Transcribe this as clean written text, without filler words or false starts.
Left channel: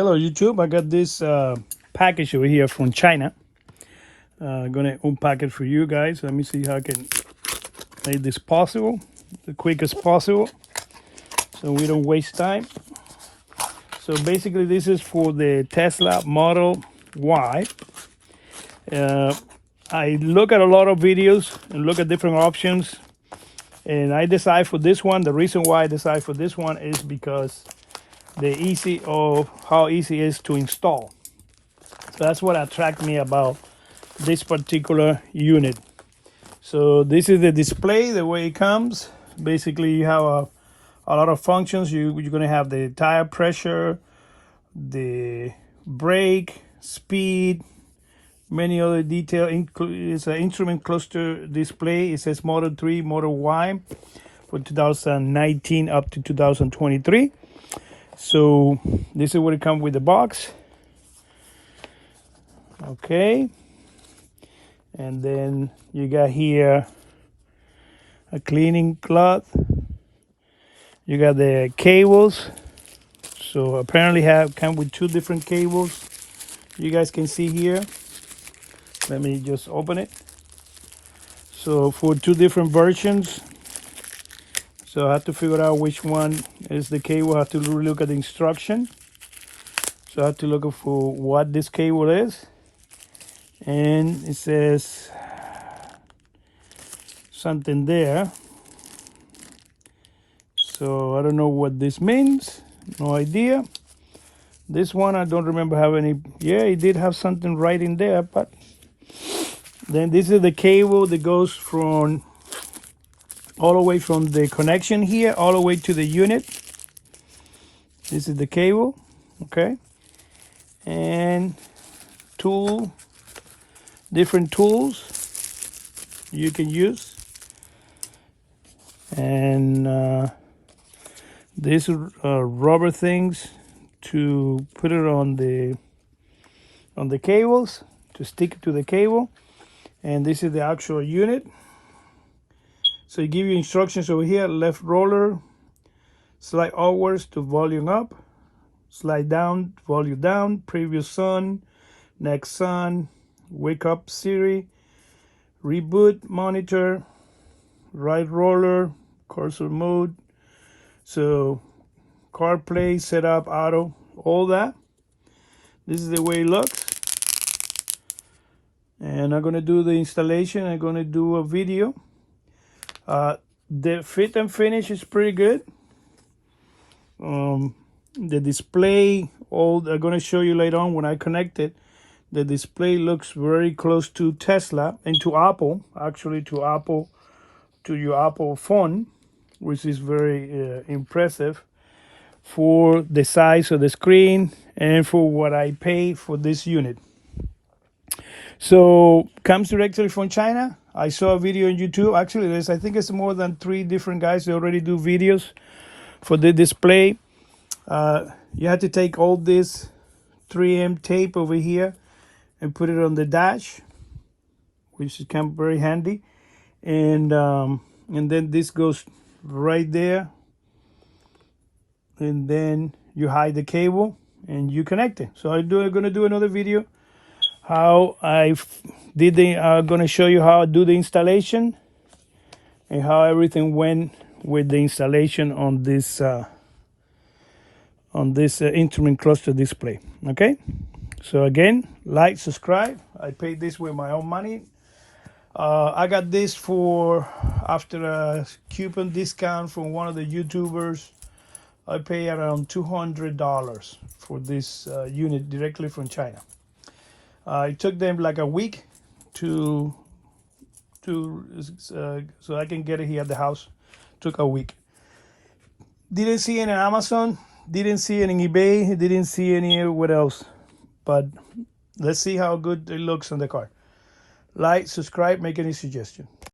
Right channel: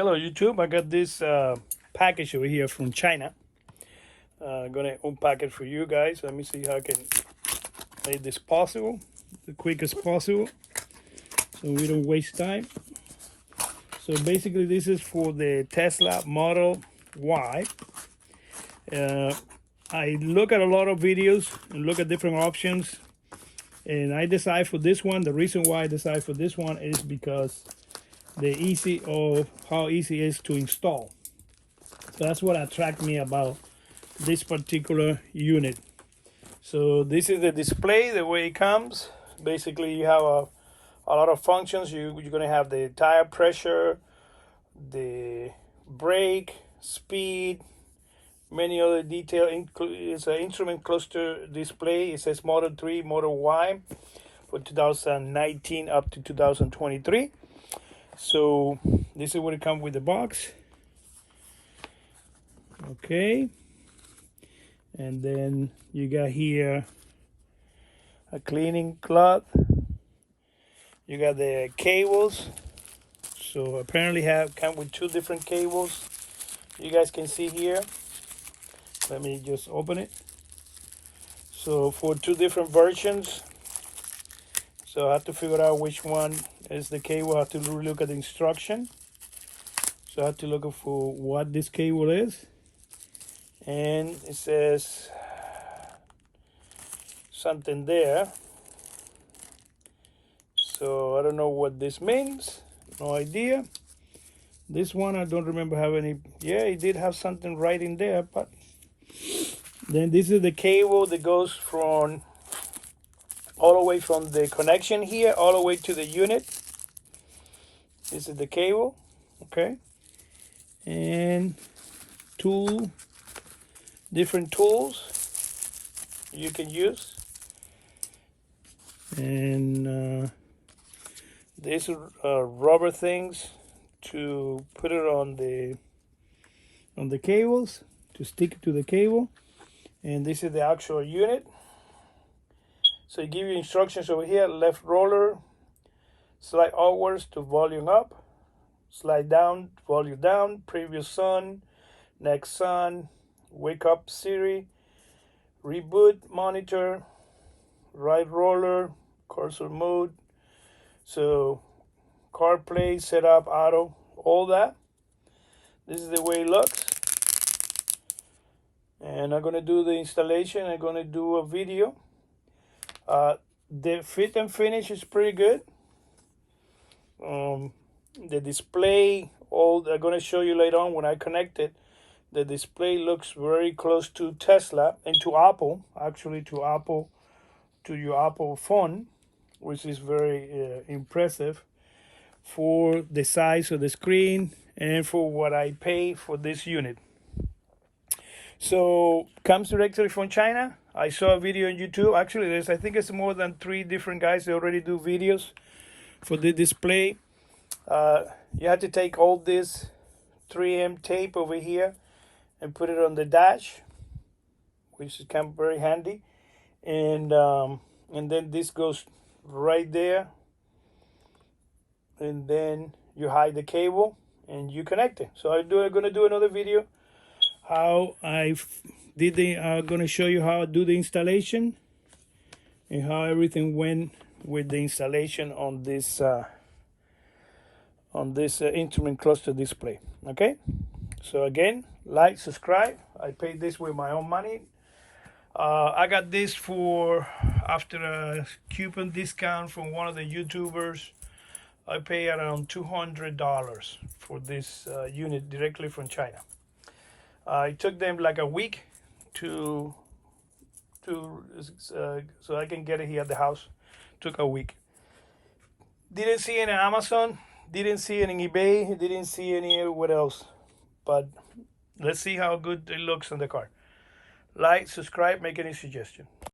Hello YouTube, I got this package over here from China. I'm gonna unpack it for you guys. Let me see how I can make this possible, the quickest possible, so we don't waste time. So basically this is for the Tesla Model Y. I look at a lot of videos and look at different options, and I decide for this one. The reason why I decide for this one is because how easy it is to install. So that's what attracted me about this particular unit. So this is the display, the way it comes. Basically you have a lot of functions. You're going to have the tire pressure, the brake, speed, many other details. It's an instrument cluster display. It says Model 3, Model Y for 2019 up to 2023. So this is what it comes with the box. Okay, and then you got here a cleaning cloth. You got the cables. So apparently come with two different cables. You guys can see here. Let me just open it. So for two different versions. So I have to figure out which one is the cable. I have to look at the instruction. So I have to look for what this cable is. And it says something there. So I don't know what this means. No idea. This one I don't remember having any. Yeah, it did have something right in there, but then this is the cable that goes from all the way from the connection here all the way to the unit. This is the cable, okay, and different tools you can use, and these are rubber things to put it on the cables, to stick it to the cable. And this is the actual unit. So you give you instructions over here: left roller, slide outwards to volume up, slide down, volume down, previous sun, next sun, wake up Siri, reboot monitor, right roller, cursor mode, so CarPlay, setup, auto, all that. This is the way it looks. And I'm going to do the installation. I'm going to do a video. The fit and finish is pretty good. The display, I'm going to show you later on when I connect it. The display looks very close to Tesla and to Apple, actually to your Apple phone, which is very impressive for the size of the screen and for what I paid for this unit. So comes directly from China. I saw a video on YouTube. Actually, I think it's more than 3 different guys that already do videos for the display. You have to take all this 3M tape over here and put it on the dash, which is kind of very handy. And then this goes right there. And then you hide the cable and you connect it. So I'm gonna do another video how I'm gonna show you how I do the installation and how everything went with the installation on this instrument cluster display. Okay, so again, like, subscribe. I paid this with my own money. I got this after a coupon discount from one of the YouTubers. I pay around $200 for this unit directly from China. It took them like a week so I can get it here at the house. Took a week. Didn't see it on Amazon, didn't see it in eBay, didn't see anywhere else. But let's see how good it looks on the car. Like, subscribe, make any suggestion.